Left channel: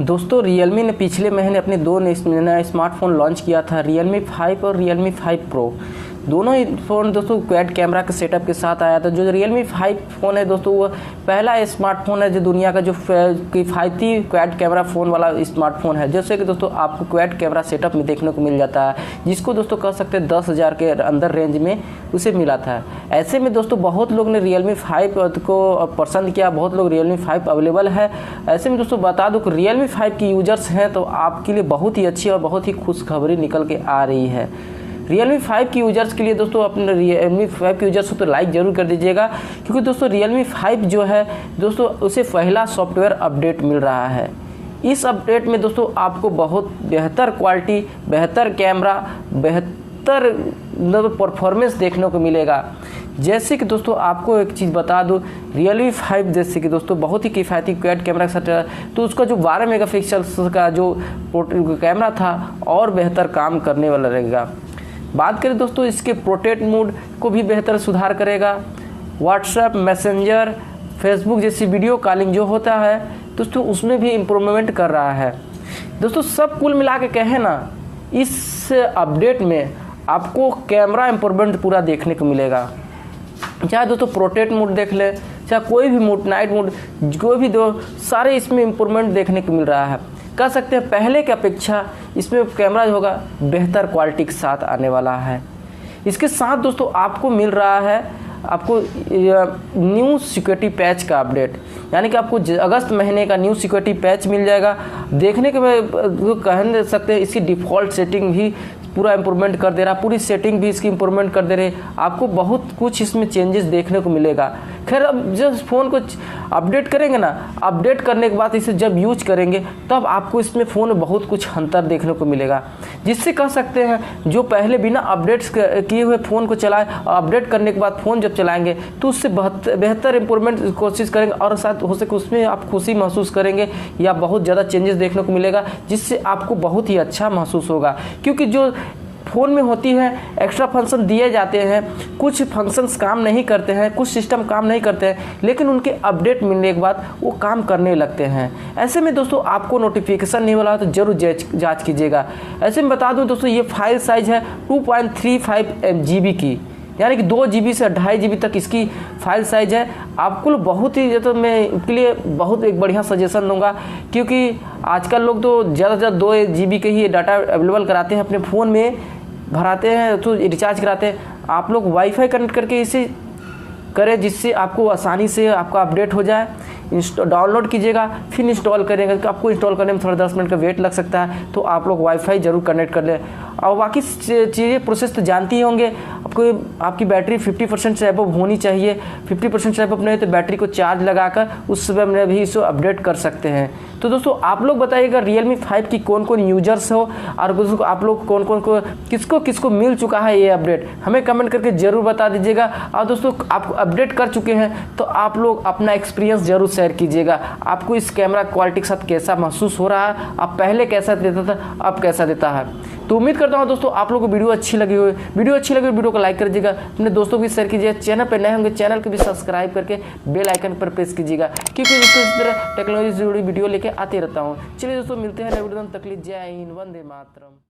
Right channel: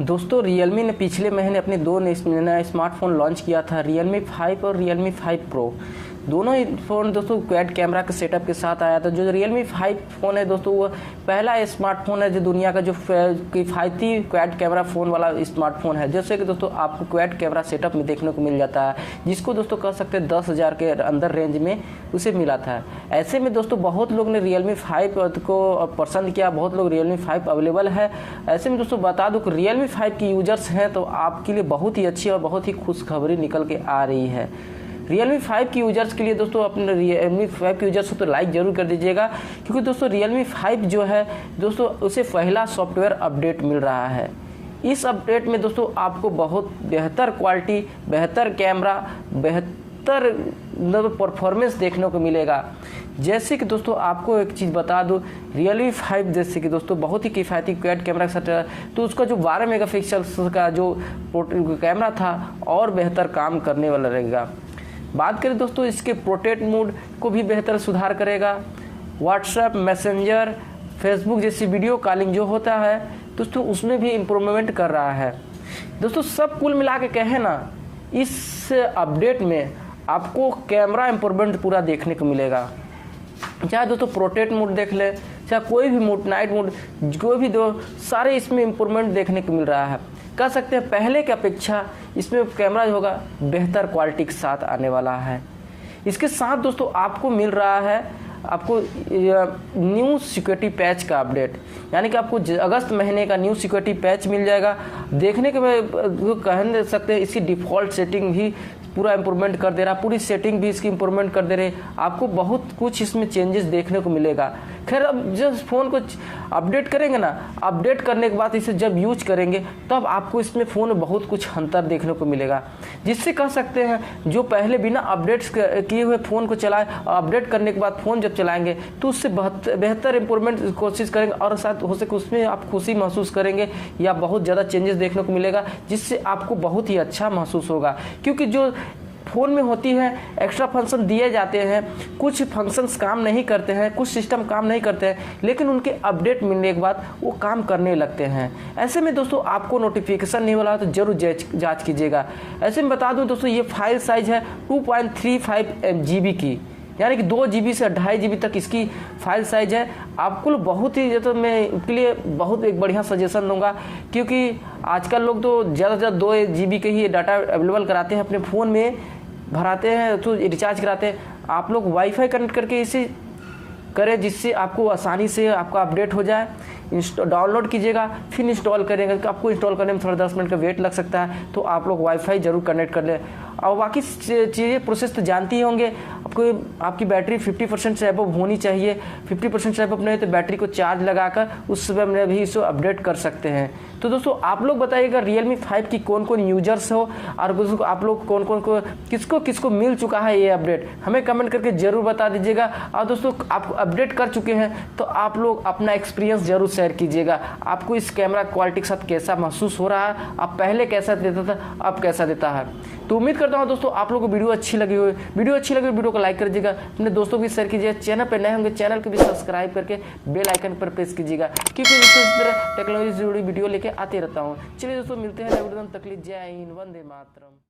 दोस्तों Realme ने पिछले महीने अपने दो नया स्मार्टफोन लॉन्च किया था, Realme 5 और Realme 5 Pro। दोनों ही फ़ोन दोस्तों क्वाड कैमरा के सेटअप के साथ आया था। जो Realme 5 फ़ोन है दोस्तों, वो पहला स्मार्टफोन है जो दुनिया का जो किफ़ायती क्वाड कैमरा फ़ोन वाला स्मार्टफोन है, जैसे कि दोस्तों आपको क्वाड कैमरा सेटअप में देखने को मिल जाता है, जिसको दोस्तों कह सकते हैं 10,000 के अंदर रेंज में उसे मिला था। ऐसे में दोस्तों बहुत लोग ने Realme 5 को पसंद किया, बहुत लोग Realme 5 अवेलेबल है। ऐसे में दोस्तों बता दूं कि Realme 5 की यूजर्स हैं तो आपके लिए बहुत ही अच्छी और बहुत ही खुशखबरी निकल के आ रही है। Realme 5 की यूजर्स के लिए दोस्तों अपने Realme 5 के यूजर्स को तो लाइक जरूर कर दीजिएगा, क्योंकि दोस्तों Realme 5 जो है दोस्तों उसे पहला सॉफ्टवेयर अपडेट मिल रहा है। इस अपडेट में दोस्तों आपको बहुत बेहतर क्वालिटी, बेहतर कैमरा, बेहतर परफॉर्मेंस देखने को मिलेगा। जैसे कि दोस्तों आपको एक चीज़ बता दूं, Realme 5 जैसे कि दोस्तों बहुत ही किफ़ायती क्वाड कैमरा के साथ, तो उसका जो 12 मेगापिक्सल का जो कैमरा था और बेहतर काम करने वाला रहेगा। बात करें दोस्तों इसके पोर्ट्रेट मोड को भी बेहतर सुधार करेगा। व्हाट्सएप, मैसेंजर, फेसबुक जैसी वीडियो कॉलिंग जो होता है दोस्तों उसमें भी इम्प्रूवमेंट कर रहा है। दोस्तों सब कुल मिला के कहें ना, इस अपडेट में आपको कैमरा इम्प्रूवमेंट पूरा देखने को मिलेगा। चाहे दोस्तों पोर्ट्रेट मोड देख ले, चाहे कोई भी मोड, नाइट मोड, कोई भी दो, सारे इसमें इम्प्रूवमेंट देखने को मिल रहा है। कह सकते हैं पहले की अपेक्षा इसमें कैमरा जो होगा बेहतर क्वालिटी के साथ आने वाला है। इसके साथ दोस्तों आपको मिल रहा है आपको न्यू सिक्योरिटी पैच का अपडेट, यानी कि आपको अगस्त महीने का न्यू सिक्योरिटी पैच मिल जाएगा। देखने के में कह सकते हैं इसकी डिफ़ॉल्ट सेटिंग भी पूरा इम्प्रूवमेंट कर दे रहा, पूरी सेटिंग भी इसकी इम्प्रूवमेंट कर दे रही। आपको बहुत कुछ इसमें चेंजेस देखने को मिलेगा। खैर अब जब फ़ोन को अपडेट करेंगे ना, अपडेट करने के बाद इसे जब यूज करेंगे तब आपको इसमें फ़ोन में बहुत कुछ अंतर देखने को मिलेगा, जिससे कह सकते हैं जो पहले बिना अपडेट्स किए हुए फ़ोन को चलाए, अपडेट करने के बाद फ़ोन जब चलाएंगे तो उससे बेहतर इम्प्रूवमेंट कोशिश करेंगे और साथ हो सके उसमें आप खुशी महसूस करेंगे या बहुत ज़्यादा चेंजेस देखने को मिलेगा, जिससे आपको बहुत ही अच्छा महसूस होगा। क्योंकि जो फ़ोन में होती है एक्स्ट्रा फंक्शन दिए जाते हैं, कुछ फंक्शंस काम नहीं करते हैं, कुछ सिस्टम काम नहीं करते हैं, लेकिन उनके अपडेट मिलने के बाद वो काम करने लगते हैं। ऐसे में दोस्तों आपको नोटिफिकेशन नहीं मिला तो जरूर जांच कीजिएगा। ऐसे में बता दूं दोस्तों ये फाइल साइज है 2.35 GB की, यानी कि 2 GB से 2.5 GB तक इसकी फाइल साइज है। आपको बहुत ही तो मैं इसके लिए बहुत एक बढ़िया सजेशन दूंगा, क्योंकि आजकल लोग तो ज़्यादा से ज़्यादा 2 GB के ही डाटा अवेलेबल कराते हैं, अपने फ़ोन में भराते हैं तो रिचार्ज कराते हैं। आप लोग वाईफाई कनेक्ट करके इसे करें, जिससे आपको आसानी से आपका अपडेट हो जाए। डाउनलोड कीजिएगा फिर इंस्टॉल करेंगे, तो आपको इंस्टॉल करने में थोड़ा 10 मिनट का वेट लग सकता है, तो आप लोग वाईफाई जरूर कनेक्ट कर लें। और बाकी चीज़ें प्रोसेस तो जानती ही होंगे। आपकी बैटरी 50% से अबव होनी चाहिए। 50% से अबव नहीं तो बैटरी को चार्ज लगाकर उस समय में भी इसे अपडेट कर सकते हैं। तो दोस्तों आप लोग बताइएगा Realme 5 की कौन कौन यूजर्स हो, और आप लोग कौन कौन को किसको मिल चुका है ये अपडेट, हमें कमेंट करके जरूर बता दीजिएगा। और दोस्तों आप अपडेट कर चुके हैं तो आप लोग अपना एक्सपीरियंस जरूर शेयर कीजिएगा। आपको इस कैमरा क्वालिटी के साथ कैसा महसूस हो रहा है, आप पहले कैसा देता था, अब कैसा देता है। तो उम्मीद करता हूँ दोस्तों आप लोगों को वीडियो अच्छी लगी हो। वीडियो को लाइक कर दीजिएगा, अपने दोस्तों को भी शेयर कीजिएगा। चैनल पर नए होंगे चैनल को भी सब्सक्राइब करके बेल आइकन पर प्रेस कीजिएगा, क्योंकि इस तरह टेक्नोलॉजी से जुड़ी वीडियो लेके आते रहता हूँ। चलिए दोस्तों मिलते हैं, तक जय हिंद, वंदे मातरम।